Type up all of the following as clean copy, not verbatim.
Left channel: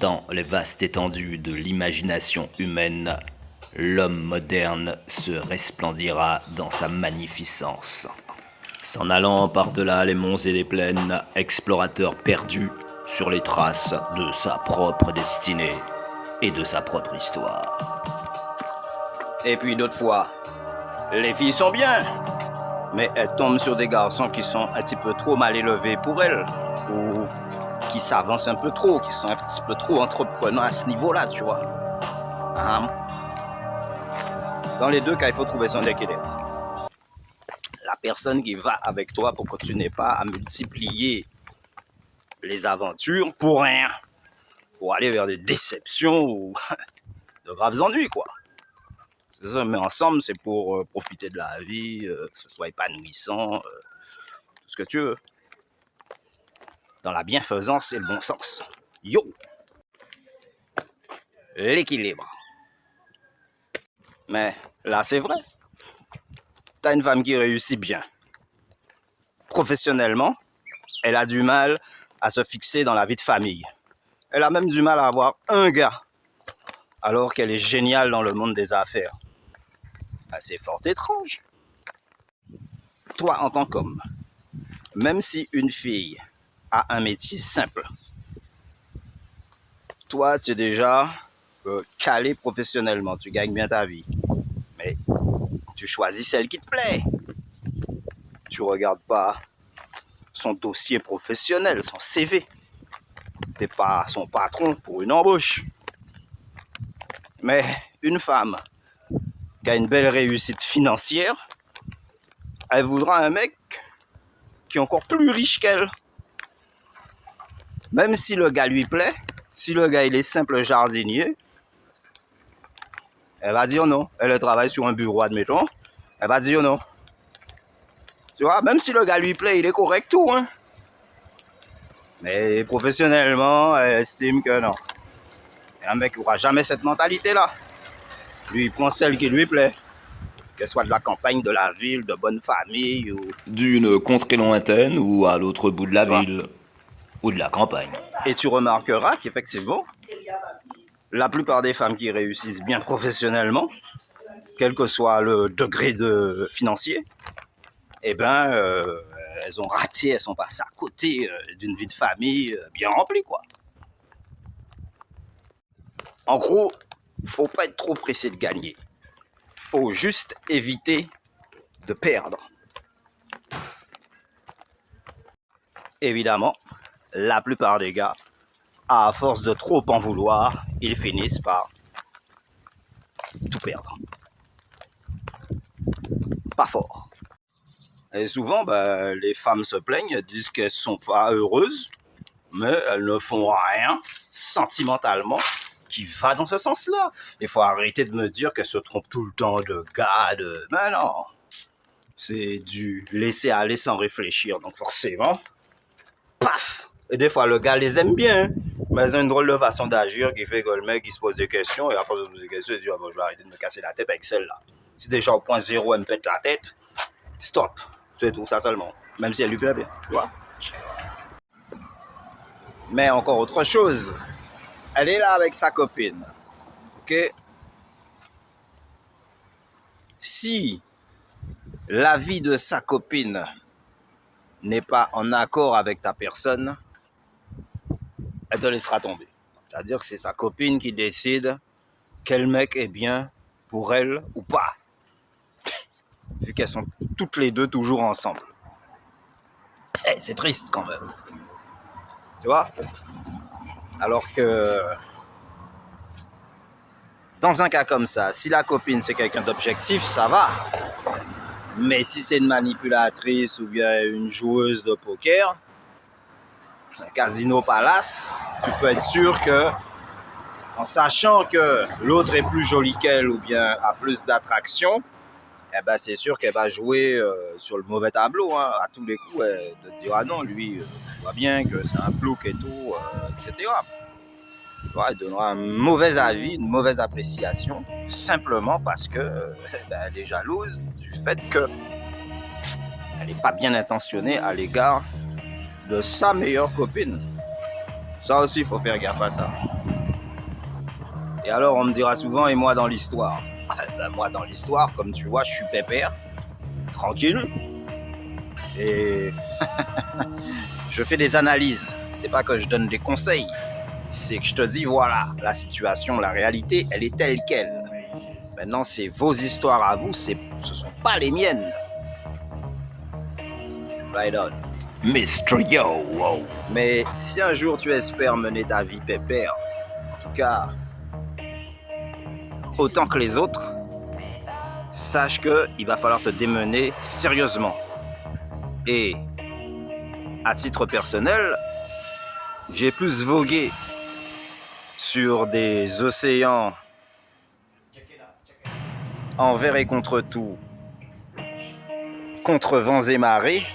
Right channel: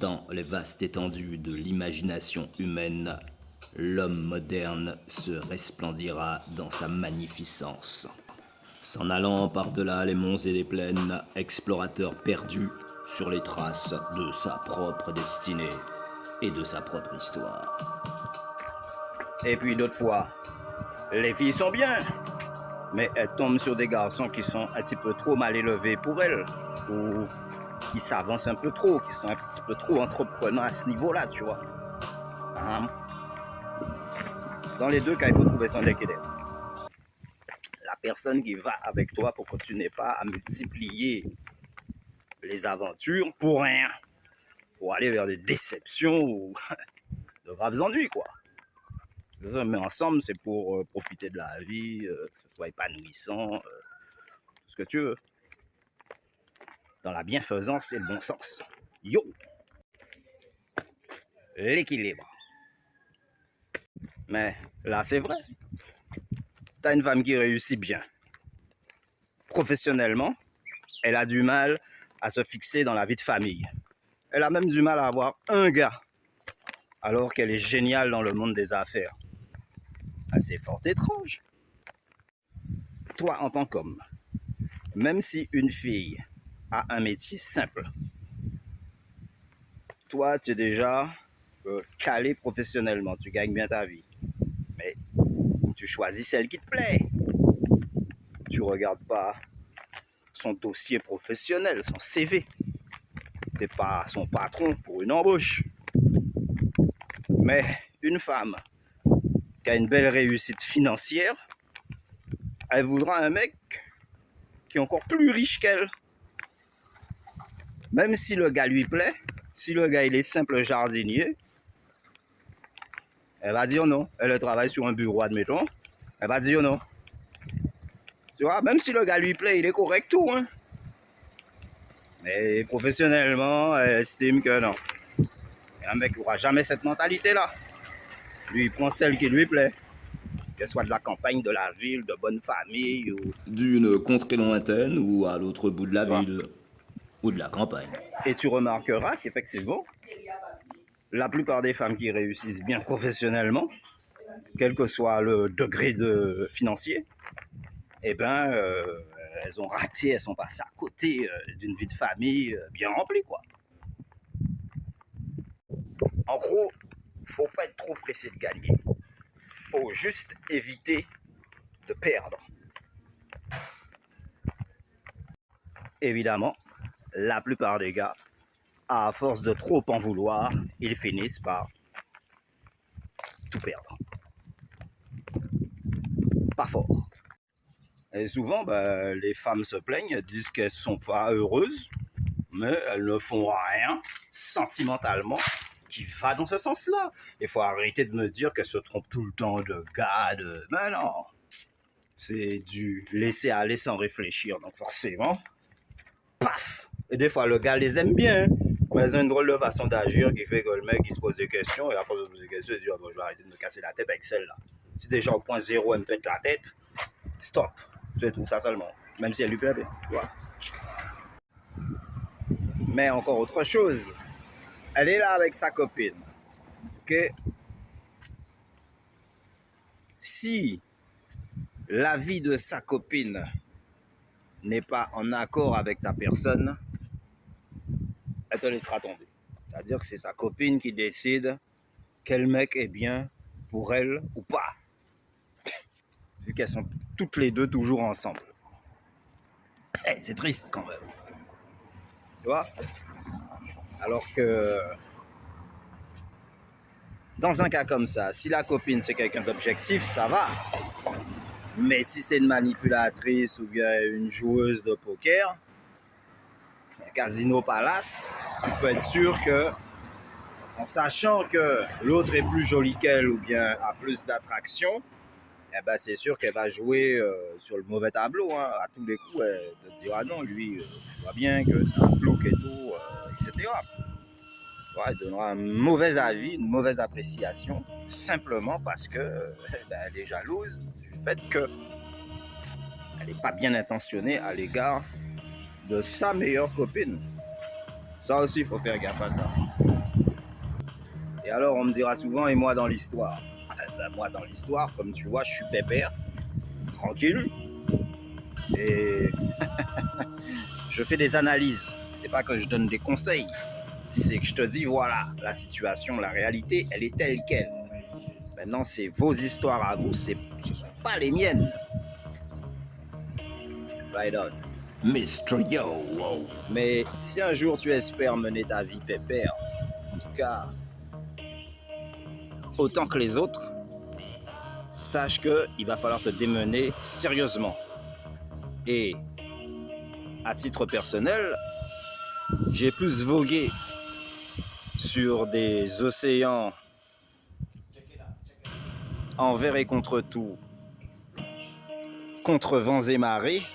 Dans les vastes étendues de l'imagination humaine, l'homme moderne se resplendira dans sa magnificence. S'en allant par-delà les monts et les plaines, explorateur perdu sur les traces de sa propre destinée et de sa propre histoire. Et puis d'autres fois, les filles sont bien, mais elles tombent sur des garçons qui sont un petit peu trop mal élevés pour elles, ou qui s'avancent un peu trop, qui sont un petit peu trop entreprenants à ce niveau-là, tu vois. Dans les deux cas, il faut trouver son équilibre. La personne qui va avec toi pour que tu n'aies pas à multiplier les aventures pour rien, pour aller vers des déceptions ou de graves ennuis, quoi. C'est ça, mais ensemble, c'est pour profiter de la vie, que ce soit épanouissant, tout ce que tu veux. Dans la bienfaisance et le bon sens. Yo! L'équilibre. Mais là, c'est vrai. T'as une femme qui réussit bien. Professionnellement, elle a du mal à se fixer dans la vie de famille. Elle a même du mal à avoir un gars, alors qu'elle est géniale dans le monde des affaires. C'est fort étrange. Toi, en tant qu'homme, même si une fille a un métier simple, toi, tu es déjà calé professionnellement, tu gagnes bien ta vie. Mais tu choisis celle qui te plaît. Tu regardes pas son dossier professionnel, son CV. T'es pas son patron pour une embauche. Mais une femme qui a une belle réussite financière, elle voudra un mec qui est encore plus riche qu'elle. Même si le gars lui plaît, si le gars il est simple jardinier, elle va dire non. Elle travaille sur un bureau, admettons. Elle va dire non. Tu vois, même si le gars lui plaît, il est correct tout, hein. Mais professionnellement, elle estime que non. Un mec n'aura jamais cette mentalité-là. Lui, il prend celle qui lui plaît. Qu'elle soit de la campagne, de la ville, de bonne famille ou... D'une contrée lointaine ou à l'autre bout de la ville ou de la campagne. Et tu remarqueras qu'effectivement, la plupart des femmes qui réussissent bien professionnellement, quel que soit le degré de financier, eh ben, elles ont raté, elles sont passées à côté d'une vie de famille bien remplie, quoi. En gros, faut pas être trop pressé de gagner. Faut juste éviter de perdre. Évidemment, la plupart des gars, à force de trop en vouloir, ils finissent par tout perdre. Pas fort. Et souvent, les femmes se plaignent, elles disent qu'elles sont pas heureuses, mais elles ne font rien sentimentalement qui va dans ce sens-là. Il faut arrêter de me dire qu'elles se trompent tout le temps de gars, de... Ben non, c'est du laisser aller sans réfléchir, donc forcément, paf. Et des fois, le gars les aime bien, mais elles ont une drôle de façon d'agir qui fait que le mec, il se pose des questions, et à force de se poser des questions, il se dit, oh, bon, je vais arrêter de me casser la tête avec celle-là. Si déjà au point zéro, elle me pète la tête, stop. C'est tout, ça seulement. Même si elle lui plaît bien, tu vois. Mais encore autre chose, elle est là avec sa copine. Ok? Si la vie de sa copine n'est pas en accord avec ta personne, elle te laissera tomber. C'est-à-dire que c'est sa copine qui décide quel mec est bien pour elle ou pas. Vu qu'elles sont toutes les deux toujours ensemble. C'est triste quand même. Tu vois? Alors que dans un cas comme ça, si la copine c'est quelqu'un d'objectif, ça va. Mais si c'est une manipulatrice ou bien une joueuse de poker, un Casino Palace, tu peux être sûr que, en sachant que l'autre est plus jolie qu'elle ou bien a plus d'attraction, eh ben c'est sûr qu'elle va jouer sur le mauvais tableau. Hein. À tous les coups, elle te dira non, lui, on voit bien que c'est un plouc et tout, etc. Elle donnera un mauvais avis, une mauvaise appréciation, simplement parce que elle est jalouse du fait qu'elle n'est pas bien intentionnée à l'égard de sa meilleure copine. Ça aussi, il faut faire gaffe à ça. Et alors on me dira souvent, et moi dans l'histoire? Ben, moi dans l'histoire, comme tu vois, je suis pépère, tranquille, et je fais des analyses. C'est pas que je donne des conseils, c'est que je te dis, voilà, la situation, la réalité, elle est telle qu'elle. Maintenant, c'est vos histoires à vous, ce sont pas les miennes. Right on. Mr. Yo, wow. Mais si un jour tu espères mener ta vie pépère, en tout cas, autant que les autres, sache qu'il va falloir te démener sérieusement. Et à titre personnel, j'ai plus vogué sur des océans envers et contre tout, contre vents et marées,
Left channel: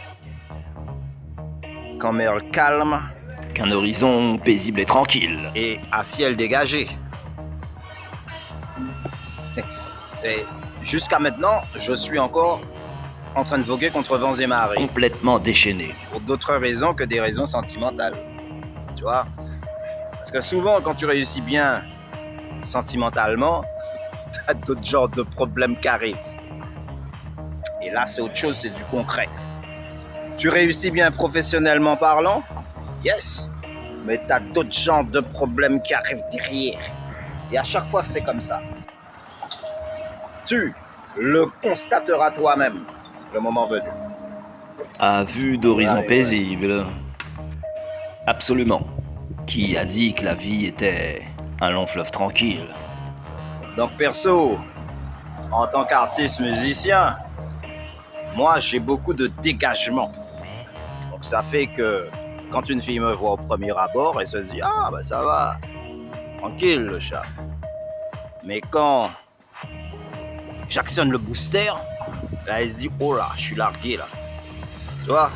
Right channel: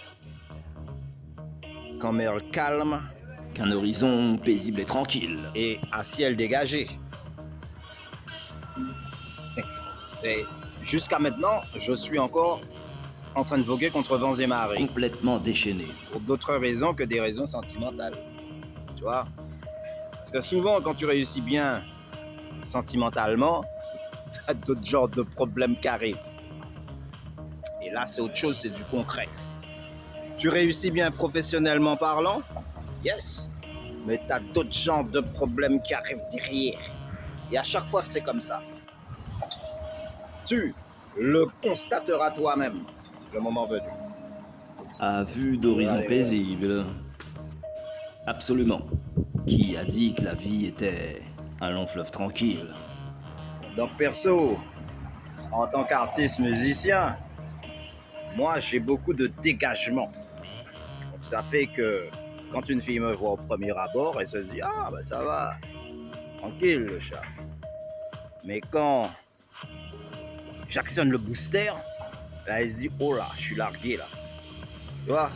qu'en mer calme Qu'un horizon paisible et tranquille. et à ciel dégagé. Et jusqu'à maintenant, je suis encore en train de voguer contre vents et marées. Complètement déchaîné. Pour d'autres raisons que des raisons sentimentales. Tu vois? Parce que souvent, quand tu réussis bien sentimentalement, t'as d'autres genres de problèmes qui arrivent. Et là, c'est autre chose, c'est du concret. Tu réussis bien professionnellement parlant? Yes. Mais t'as d'autres genres de problèmes qui arrivent derrière. Et à chaque fois, c'est comme ça. Tu le constateras toi-même, le moment venu. À vue d'horizon Ouais. paisible. Absolument. Qui a dit que la vie était un long fleuve tranquille? Donc perso, en tant qu'artiste musicien, moi j'ai beaucoup de dégagement. Donc ça fait que quand une fille me voit au premier abord, elle se dit « Ah bah ça va, tranquille le chat ». Mais quand j'actionne le booster, là elle se dit « Oh là, je suis largué là ». Tu vois?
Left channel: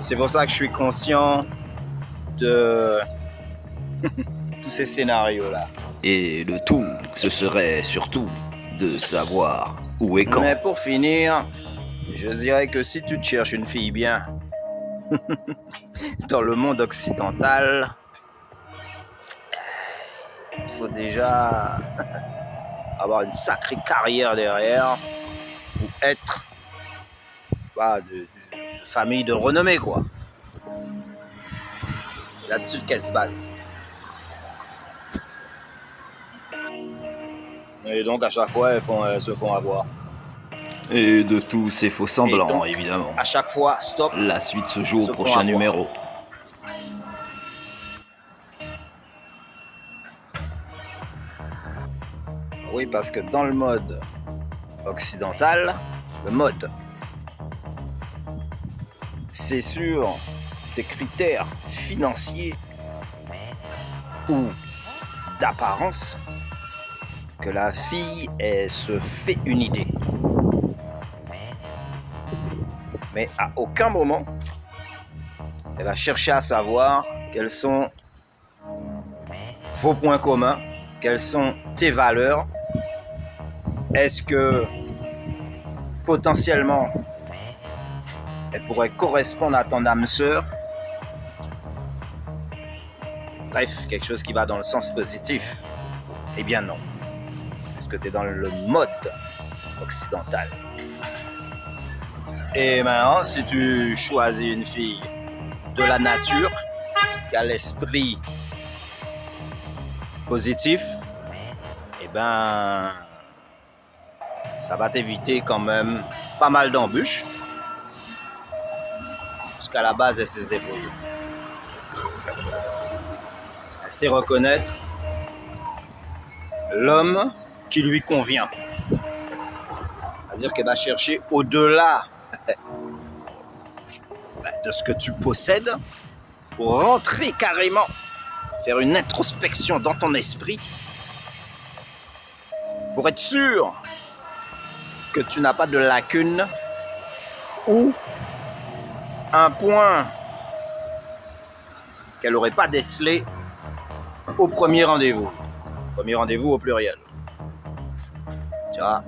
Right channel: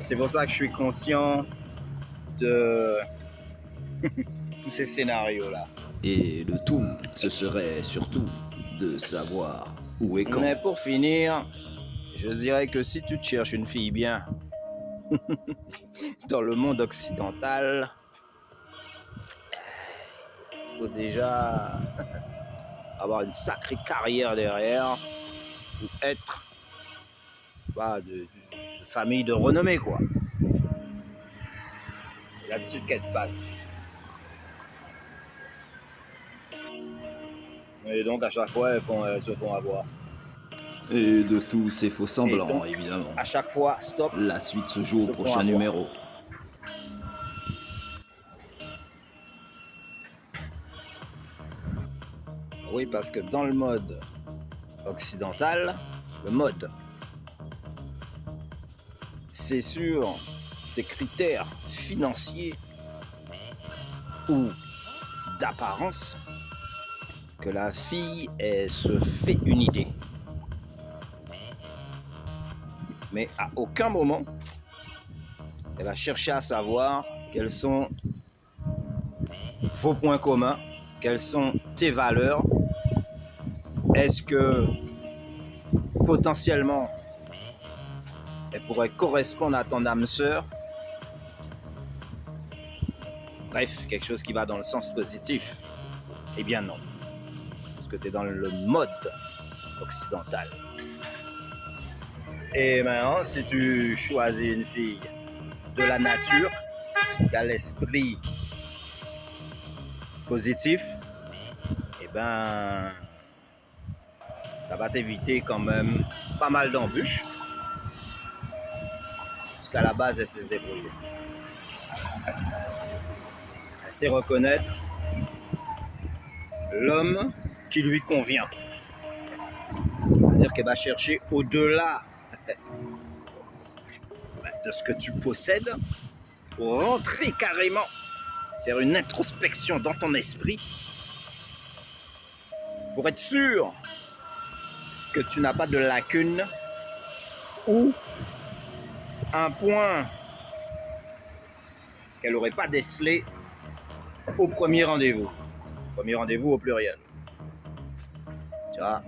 C'est pour ça que je suis conscient de tous ces scénarios-là. Et le tout, ce serait surtout de savoir où et quand. Mais pour finir, je dirais que si tu te cherches une fille bien dans le monde occidental, il faut déjà avoir une sacrée carrière derrière ou être de famille de renommée, quoi. Là-dessus, qu'est-ce qui se passe? Et donc, à chaque fois, elles se font avoir. Et de tous ces faux semblants, Et donc, évidemment. À chaque fois, stop. La suite se joue Se au font prochain avoir. numéro. Oui, parce que dans le mode occidental, le mode, c'est sur tes critères financiers ou d'apparence que la fille elle se fait une idée. Mais à aucun moment, elle va chercher à savoir quels sont vos points communs, quelles sont tes valeurs. Est-ce que potentiellement elle pourrait correspondre à ton âme sœur? Bref, quelque chose qui va dans le sens positif. Eh bien non, puisque tu es dans le mode occidental. Et maintenant, si tu choisis une fille de la nature, qui a l'esprit positif, eh ben, ça va t'éviter quand même pas mal d'embûches. Parce qu'à la base, elle sait se débrouiller. Elle sait reconnaître l'homme qui lui convient. C'est-à-dire qu'elle va chercher au-delà de ce que tu possèdes pour rentrer carrément, faire une introspection dans ton esprit pour être sûr que tu n'as pas de lacune ou un point qu'elle n'aurait pas décelé au premier rendez-vous. Premier rendez-vous au pluriel. Tu vois,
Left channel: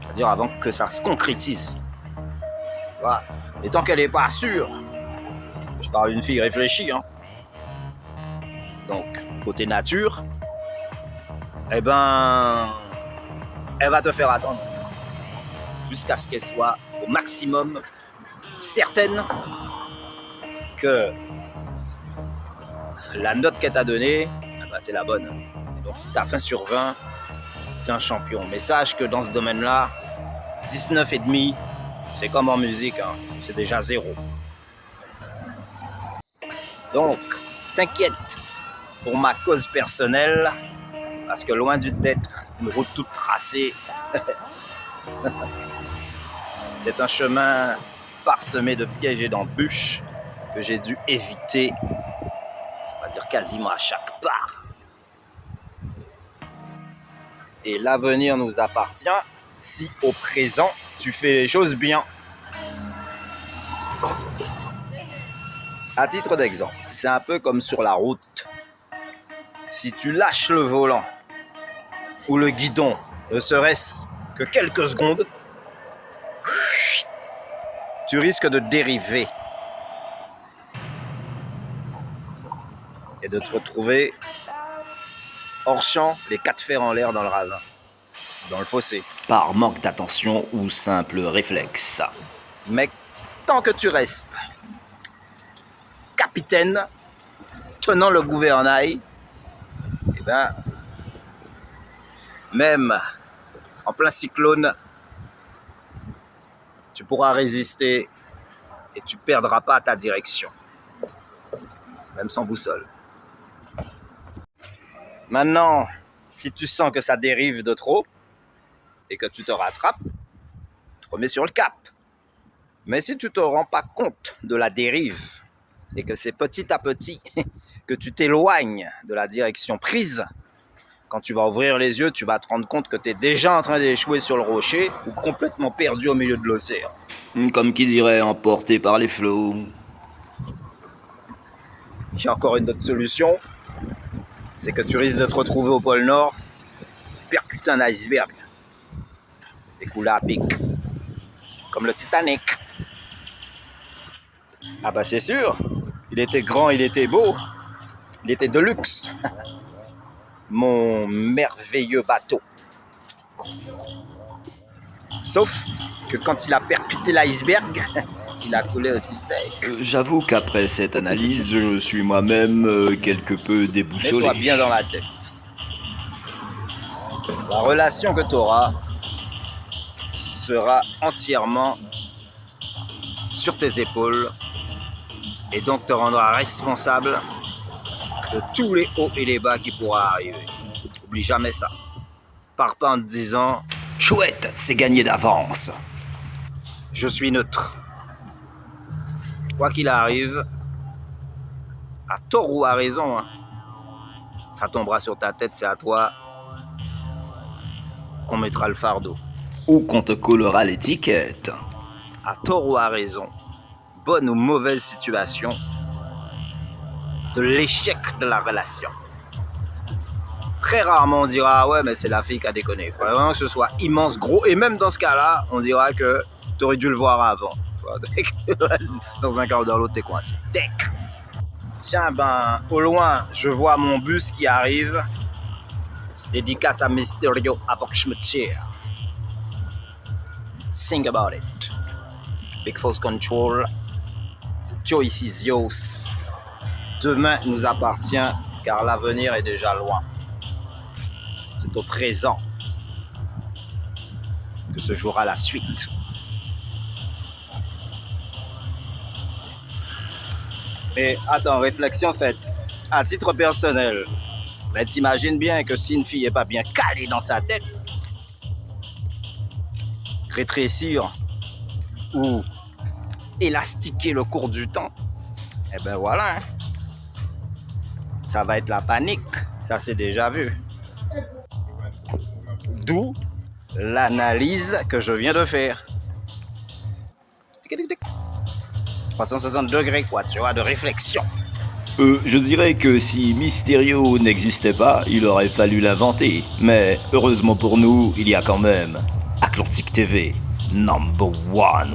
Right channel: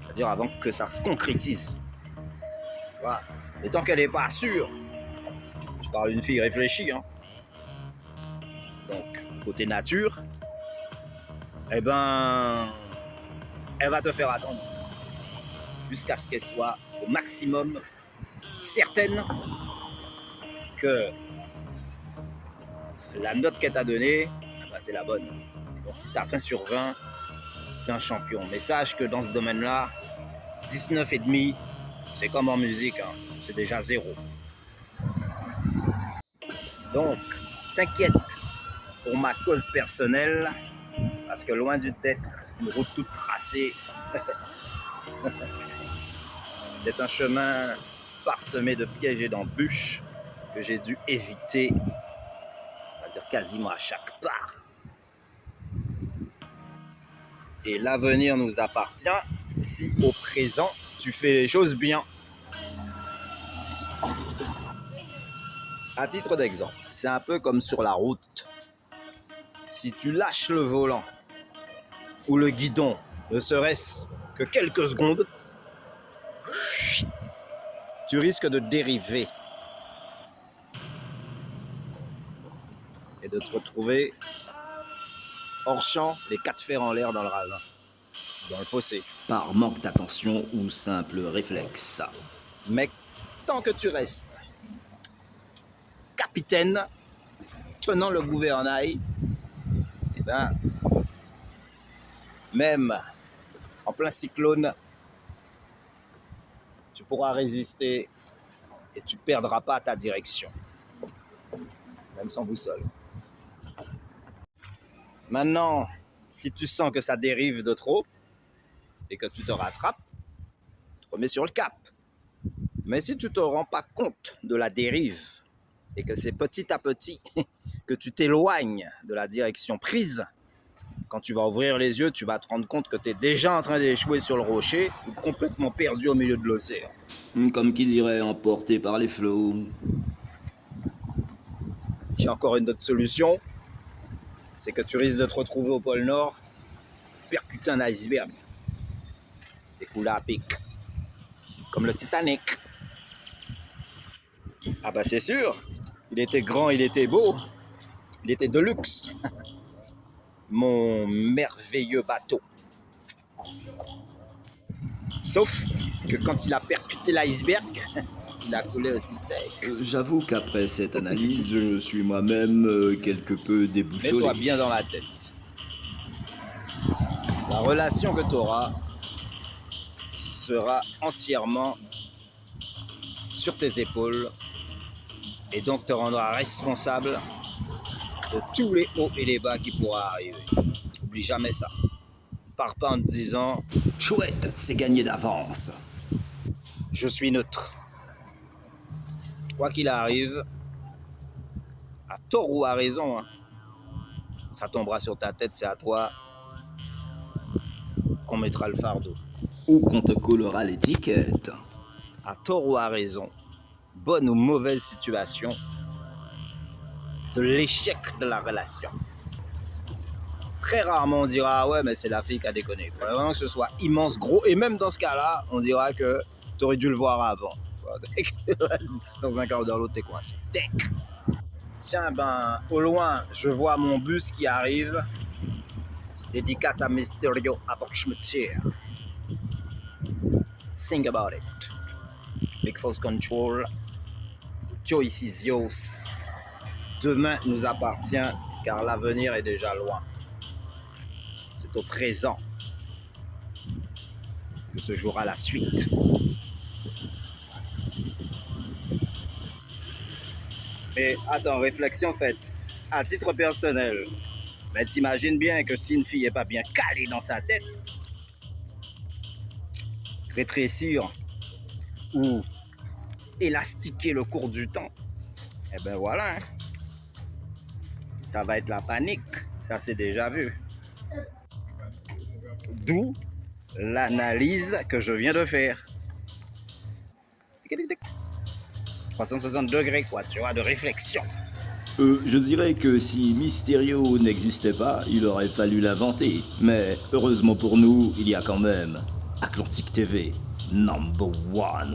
c'est-à-dire avant que ça se concrétise. Voilà. Et tant qu'elle n'est pas sûre, je parle d'une fille réfléchie, hein. Donc, côté nature, eh ben, elle va te faire attendre jusqu'à ce qu'elle soit au maximum certaine que la note qu'elle t'a donnée, eh ben, c'est la bonne. Donc si t'as 20 sur 20, t'es un champion. Mais sache que dans ce domaine-là, 19,5, c'est comme en musique, hein, c'est déjà 0. Donc, t'inquiète pour ma cause personnelle, parce que loin d'être une route toute tracée, c'est un chemin parsemé de pièges et d'embûches que j'ai dû éviter, on va dire quasiment à chaque pas. Et l'avenir nous appartient si au présent tu fais les choses bien. À titre d'exemple, c'est un peu comme sur la route. Si tu lâches le volant ou le guidon, ne serait-ce que quelques secondes, tu risques de dériver et de te retrouver hors champ, les 4 fers en l'air dans le ravin, dans le fossé. Par manque d'attention ou simple réflexe. Mais tant que tu restes capitaine, tenant le gouvernail, eh ben, même en plein cyclone, tu pourras résister et tu perdras pas ta direction, même sans boussole. Maintenant, si tu sens que ça dérive de trop et que tu te rattrapes, tu te remets sur le cap. Mais si tu te rends pas compte de la dérive et que c'est petit à petit que tu t'éloignes de la direction prise, quand tu vas ouvrir les yeux, tu vas te rendre compte que tu es déjà en train d'échouer sur le rocher ou complètement perdu au milieu de l'océan. Comme qui dirait emporté par les flots. J'ai encore une autre solution, c'est que tu risques de te retrouver au pôle Nord, percuter un iceberg, écoulé à pic, comme le Titanic. Ah bah c'est sûr, il était grand, il était beau, il était de luxe. Mon merveilleux bateau. Sauf que quand il a percuté l'iceberg, il a coulé aussi sec. J'avoue qu'après cette analyse, je suis moi-même quelque peu déboussolé. Mets-toi bien dans la tête. La relation que tu auras sera entièrement sur tes épaules et donc te rendra responsable de tous les hauts et les bas qui pourront arriver. Oublie jamais ça. Pars pas en te disant « Chouette, c'est gagné d'avance. Je suis neutre. » Quoi qu'il arrive, à tort ou à raison, hein, ça tombera sur ta tête, c'est à toi qu'on mettra le fardeau. Ou qu'on te collera l'étiquette. À tort ou à raison, bonne ou mauvaise situation, de l'échec de la relation. Très rarement on dira ouais mais c'est la fille qui a déconné. Il faut vraiment que ce soit immense, gros, et même dans ce cas-là, on dira que tu aurais dû le voir avant. Dans un quart d'heure l'autre t'es coincé. Tiens ben au loin je vois mon bus qui arrive. Dédicace à Mysterio avant que je me tire. Think about it. Big Force Control. Joyce Isios. Demain nous appartient car l'avenir est déjà loin. C'est au présent que se jouera la suite. Mais attends, réflexion faite. À titre personnel, ben, t'imagines bien que si une fille n'est pas bien calée dans sa tête, rétrécir ou élastiquer le cours du temps, eh ben voilà. Ça va être la panique. Ça c'est déjà vu. D'où l'analyse que je viens de faire. 360 degrés, quoi, tu vois, de réflexion. Je dirais que si Mysterio n'existait pas, il aurait fallu l'inventer. Mais heureusement pour nous, il y a quand même Atlantic TV, number one.